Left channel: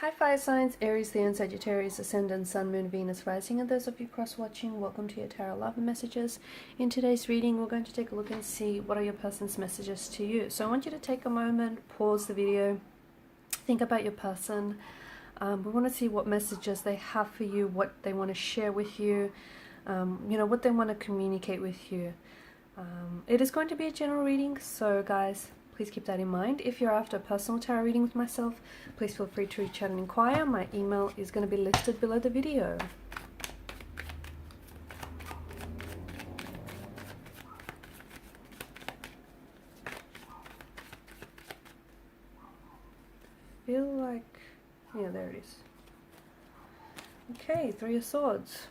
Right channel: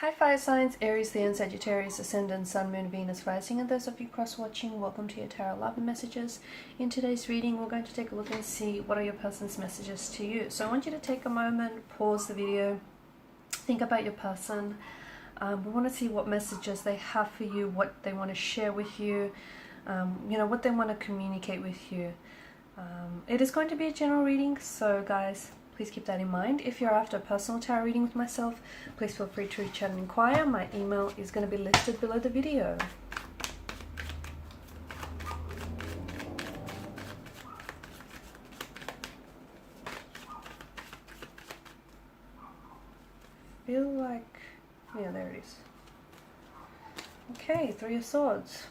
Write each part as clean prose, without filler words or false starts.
Hi fire signs, Aries, Leo, and Sagittarius, Ascendant, Sun, Moon, Venus, Rising, and those of you cross-watching, welcome to your Tarot Love and Messages. In today's reading, we're going to take a look and see what are your person's messages to you. So I want you to take a moment, pause the video, think about your person. We want to see what messages they have for you, what they want to share with you, what they want to communicate with you. It is going to be a general reading, so guys, please keep that in mind. If you're after a personal tarot reading with myself, please feel free to reach out and inquire. My email is going to be listed below the video. Feel like, yeah, there it is. Okay, Three of Swords.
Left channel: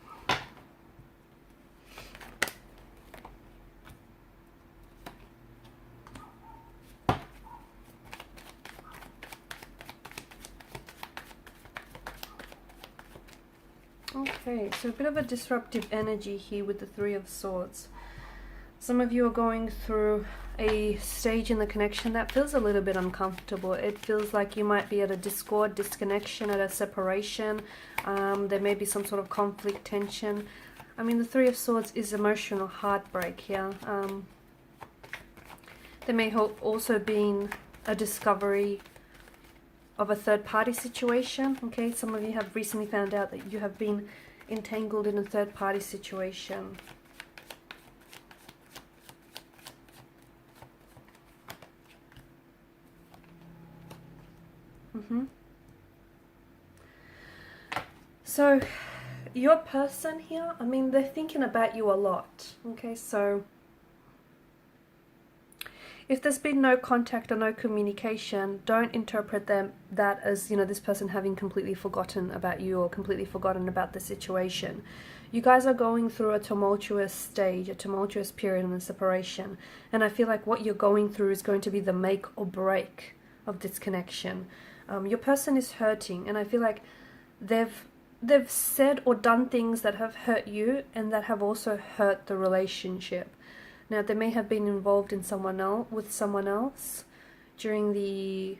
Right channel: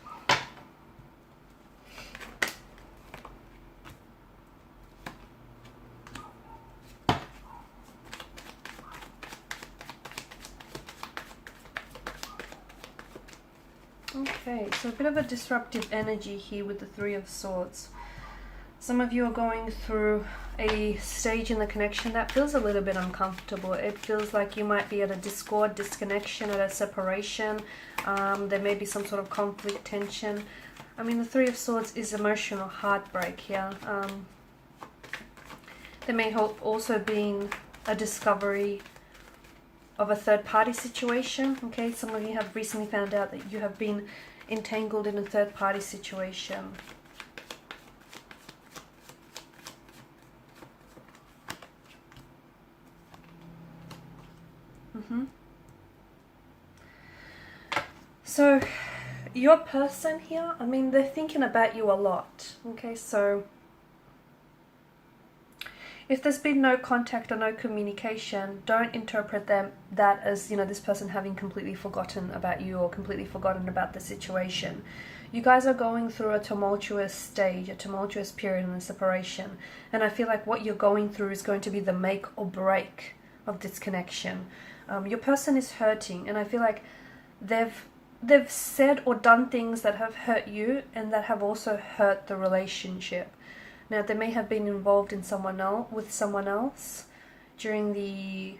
Okay, so a bit of a disruptive energy here with the Three of Swords. Some of you are going through a stage in the connection that feels a little bit uncomfortable. It feels like you might be at a discord, disconnection, at a separation. There may be some sort of conflict, tension. I mean, the Three of Swords is emotional heartbreak here. There may have also been a discovery of a third-party situation. Okay, some of you have recently found out that you have been entangled in a third-party situation. So your person here, I mean, they're thinking about you a lot. Okay, so if there's been no contact or no communication, don't interpret that as, this person having completely forgotten about you or completely forgotten about the situation. You guys are going through a tumultuous stage, a tumultuous period in the separation. And I feel like what you're going through is going to be the make or break of this connection. Your person is hurting, and I feel like they've said or done things that have hurt you and that have also hurt the relationship. Now, they may have been involved in someone else during the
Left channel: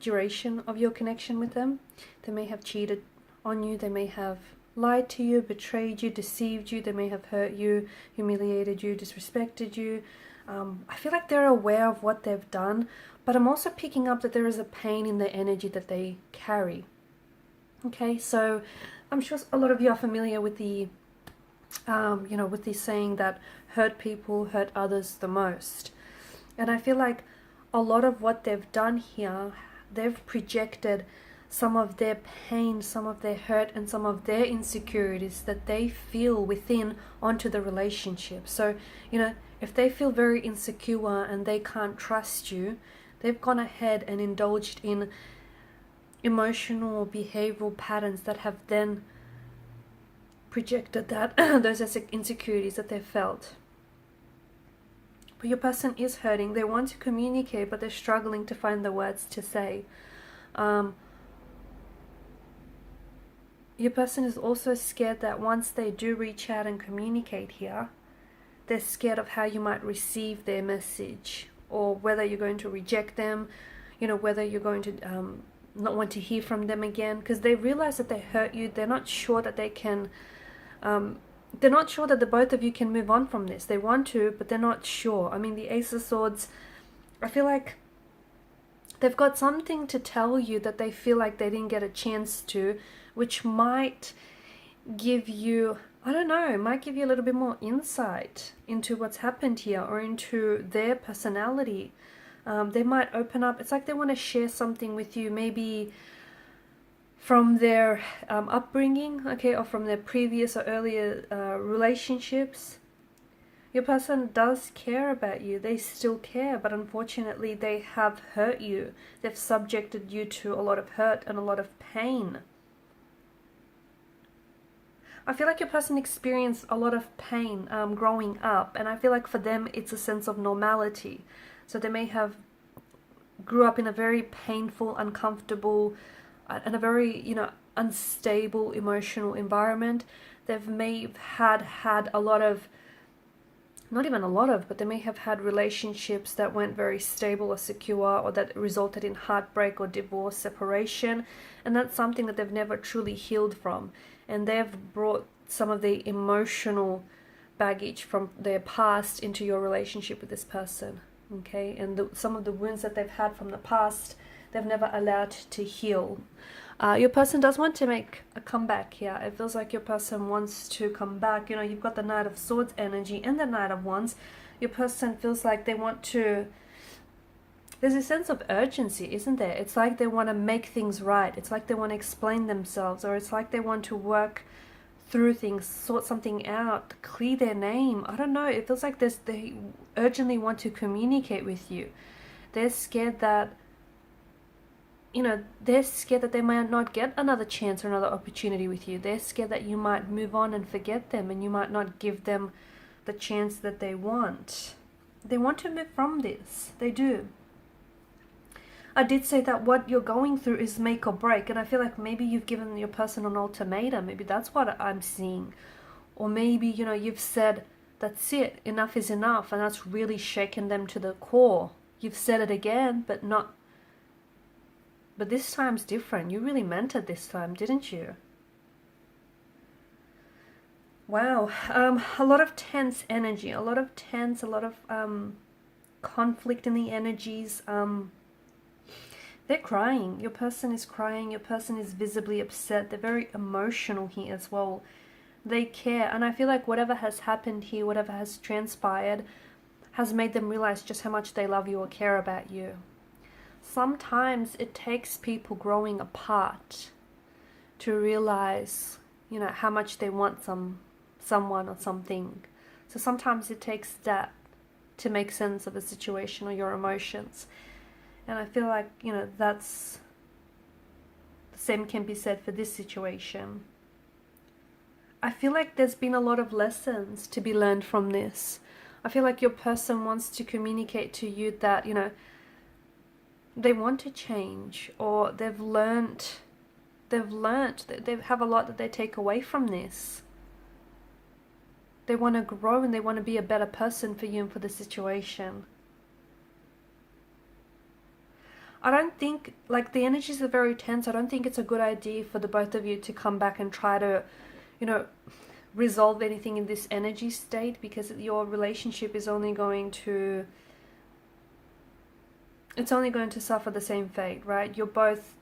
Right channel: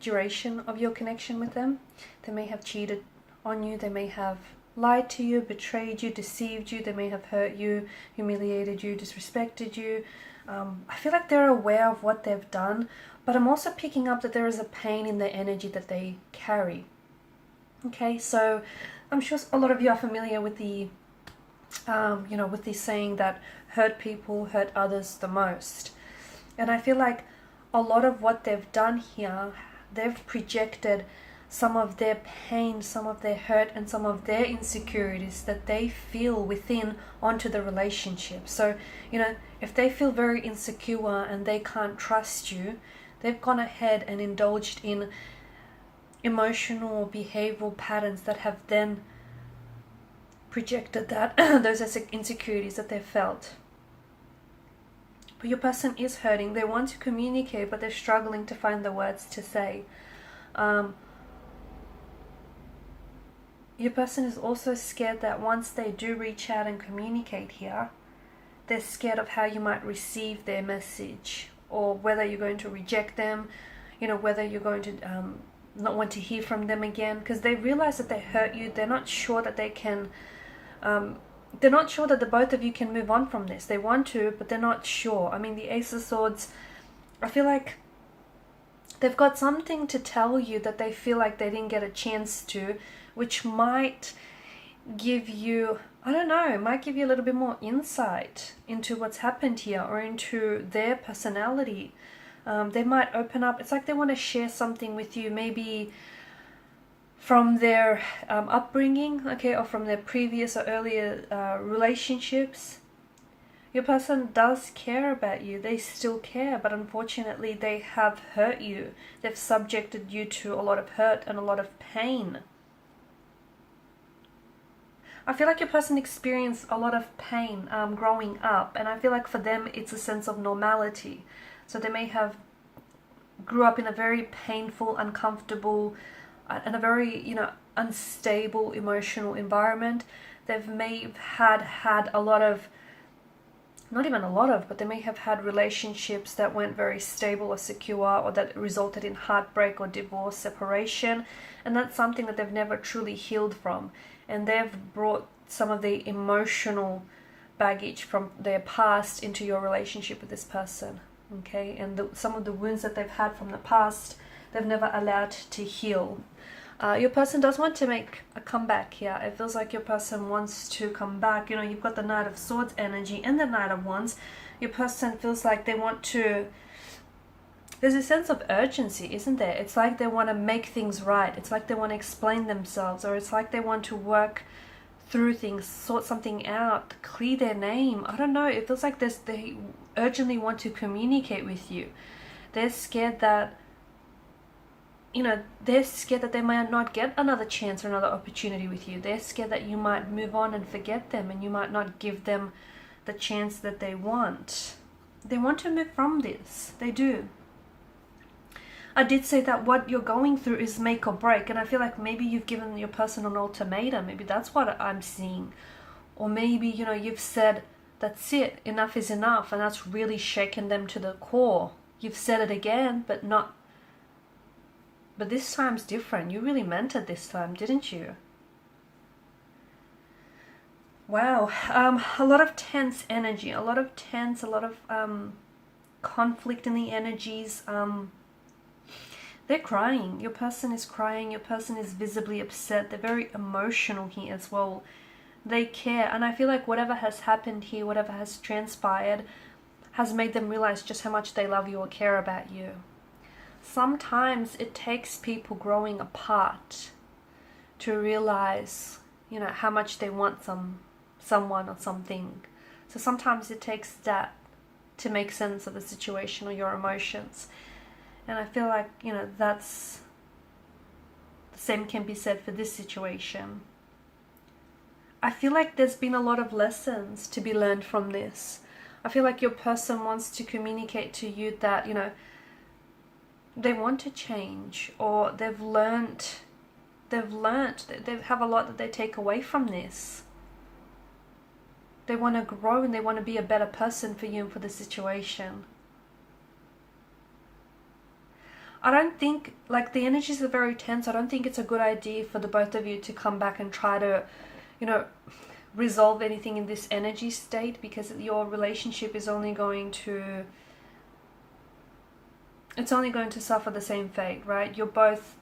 duration of your connection with them. They may have cheated on you. They may have lied to you, betrayed you, deceived you. They may have hurt you, humiliated you, disrespected you. I feel like they're aware of what they've done, but I'm also picking up that there is a pain in the energy that they carry. Okay, so I'm sure a lot of you are familiar with the, with the saying that hurt people hurt others the most. And I feel like a lot of what they've done here, they've projected some of their pain, some of their hurt, and some of their insecurities that they feel within onto the relationship. So, if they feel very insecure and they can't trust you, they've gone ahead and indulged in emotional or behavioral patterns that have then projected that those are insecurities that they felt. But your person is hurting. They want to communicate, but they're struggling to find the words to say. Your person is also scared that once they do reach out and communicate here, they're scared of how you might receive their message, or whether you're going to reject them, whether you're going to not want to hear from them again, because they realize that they hurt you. They're not sure that they can they're not sure that the both of you can move on from this. They want to, but they're not sure. I mean, the Ace of Swords, I feel like they've got something to tell you that they feel like they didn't get a chance to, which might give you, I don't know, might give you a little bit more insight into what's happened here, or into their personality. They might open up. It's like they want to share something with you, maybe from their upbringing, okay, or from their previous or earlier relationships. Your person does care about you. They still care, but unfortunately they have hurt you. They've subjected you to a lot of hurt and a lot of pain. I feel like your person experienced a lot of pain growing up, and I feel like for them it's a sense of normality. So they may have grew up in a very painful, uncomfortable, and a very, unstable emotional environment. They may have had a lot of not even a lot of, but they may have had relationships that weren't very stable or secure, or that resulted in heartbreak or divorce, separation, and that's something that they've never truly healed from, and they've brought some of the emotional baggage from their past into your relationship with this person, okay? And some of the wounds that they've had from the past, they've never allowed to heal. Your person does want to make a comeback here. It feels like your person wants to come back. You know, you've got the Knight of Swords energy and the Knight of Wands. Your person feels like they want to... There's a sense of urgency, isn't there? It's like they want to make things right. It's like they want to explain themselves, or it's like they want to work through things, sort something out, clear their name. I don't know. It feels like they urgently want to communicate with you. They're scared that... You know, they're scared that they might not get another chance or another opportunity with you. They're scared that you might move on and forget them, and you might not give them the chance that they want. They want to move from this. They do. I did say that what you're going through is make or break, and I feel like maybe you've given your person an ultimatum. Maybe that's what I'm seeing. Or maybe, you know, you've said, that's it, enough is enough, and that's really shaken them to the core. You've said it again, but this time's different. You really meant it this time, didn't you? Wow. A lot of tense energy, a lot of conflict in the energies. They're crying. Your person is crying. Your person is visibly upset. They're very emotional here as well. They care. And I feel like whatever has happened here, whatever has transpired, has made them realize just how much they love you or care about you. Sometimes it takes people growing apart to realize, you know, how much they want someone or something. So sometimes it takes that to make sense of the situation or your emotions. And I feel like, you know, that's the same can be said for this situation. I feel like there's been a lot of lessons to be learned from this. I feel like your person wants to communicate to you that, you know, they want to change, or they have a lot that they take away from this. They want to grow and they want to be a better person for you and for the situation. I don't think, like, the energies are very tense. I don't think it's a good idea for the both of you to come back and try to, you know, resolve anything in this energy state, because your relationship is only going to... It's only going to suffer the same fate, right? You're both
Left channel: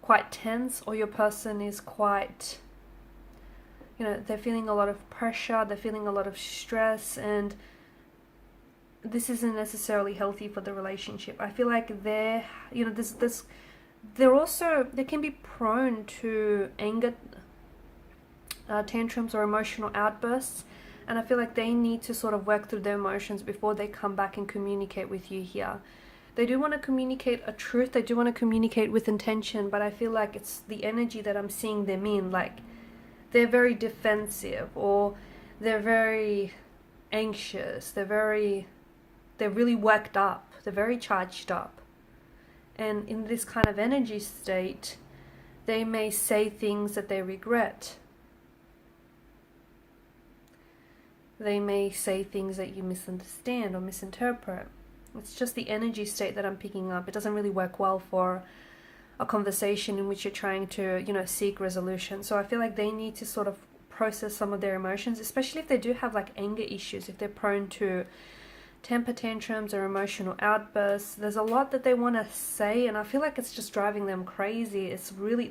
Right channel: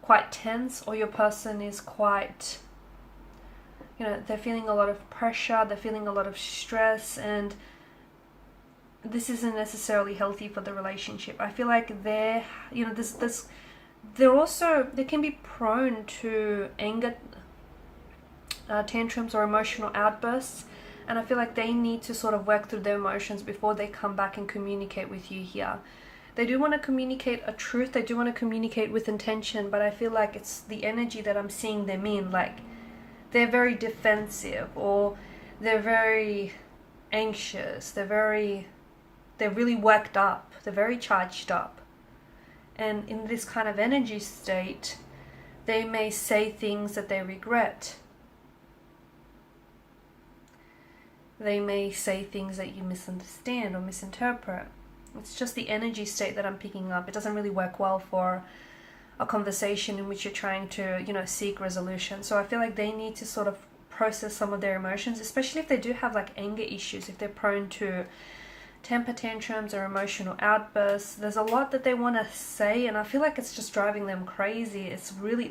quite tense, or your person is quite, you know, they're feeling a lot of pressure, they're feeling a lot of stress, and this isn't necessarily healthy for the relationship. I feel like they're, you know, they can be prone to anger, tantrums or emotional outbursts, and I feel like they need to sort of work through their emotions before they come back and communicate with you here. They do want to communicate a truth, they do want to communicate with intention, but I feel like it's the energy that I'm seeing them in. Like, they're very defensive, or they're very anxious, they're really worked up, they're very charged up. And in this kind of energy state, they may say things that they regret. They may say things that you misunderstand or misinterpret. It's just the energy state that I'm picking up. It doesn't really work well for a conversation in which you're trying to, you know, seek resolution. So I feel like they need to sort of process some of their emotions, especially if they do have like anger issues, if they're prone to temper tantrums or emotional outbursts. There's a lot that they want to say, and I feel like it's just driving them crazy.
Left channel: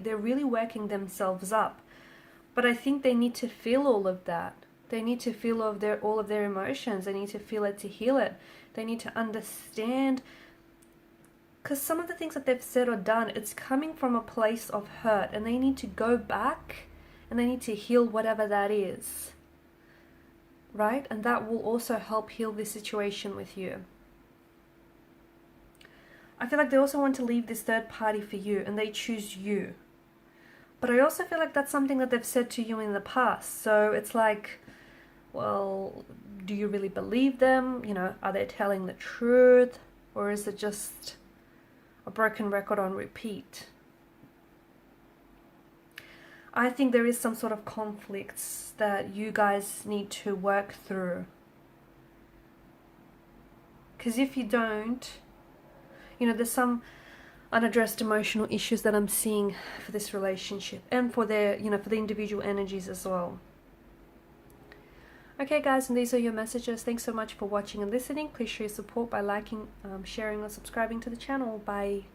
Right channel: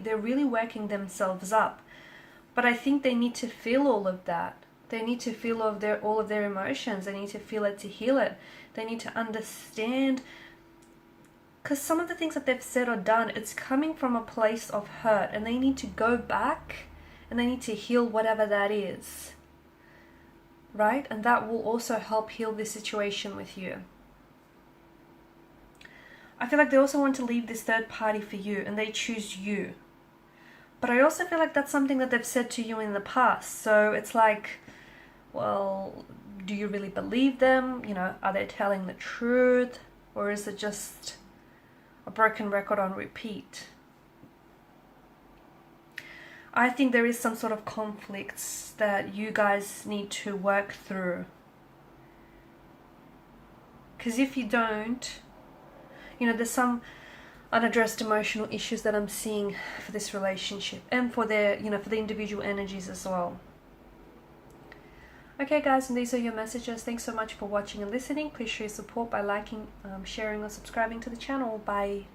They're really working themselves up. But I think they need to feel all of that. They need to feel all of their emotions. They need to feel it to heal it. They need to understand, because some of the things that they've said or done, it's coming from a place of hurt, and they need to go back and they need to heal whatever that is, right? And that will also help heal this situation with you. I feel like they also want to leave this third party for you, and they choose you. But I also feel like that's something that they've said to you in the past. So it's like, well, do you really believe them? You know, are they telling the truth? Or is it just a broken record on repeat? I think there is some sort of conflicts that you guys need to work through. Because if you don't, you know, there's some unaddressed emotional issues that I'm seeing for this relationship, and for their, you know, for the individual energies as well. Okay guys, and these are your messages. Thanks so much for watching and listening. Please show your support by liking, sharing or subscribing to the channel. Bye.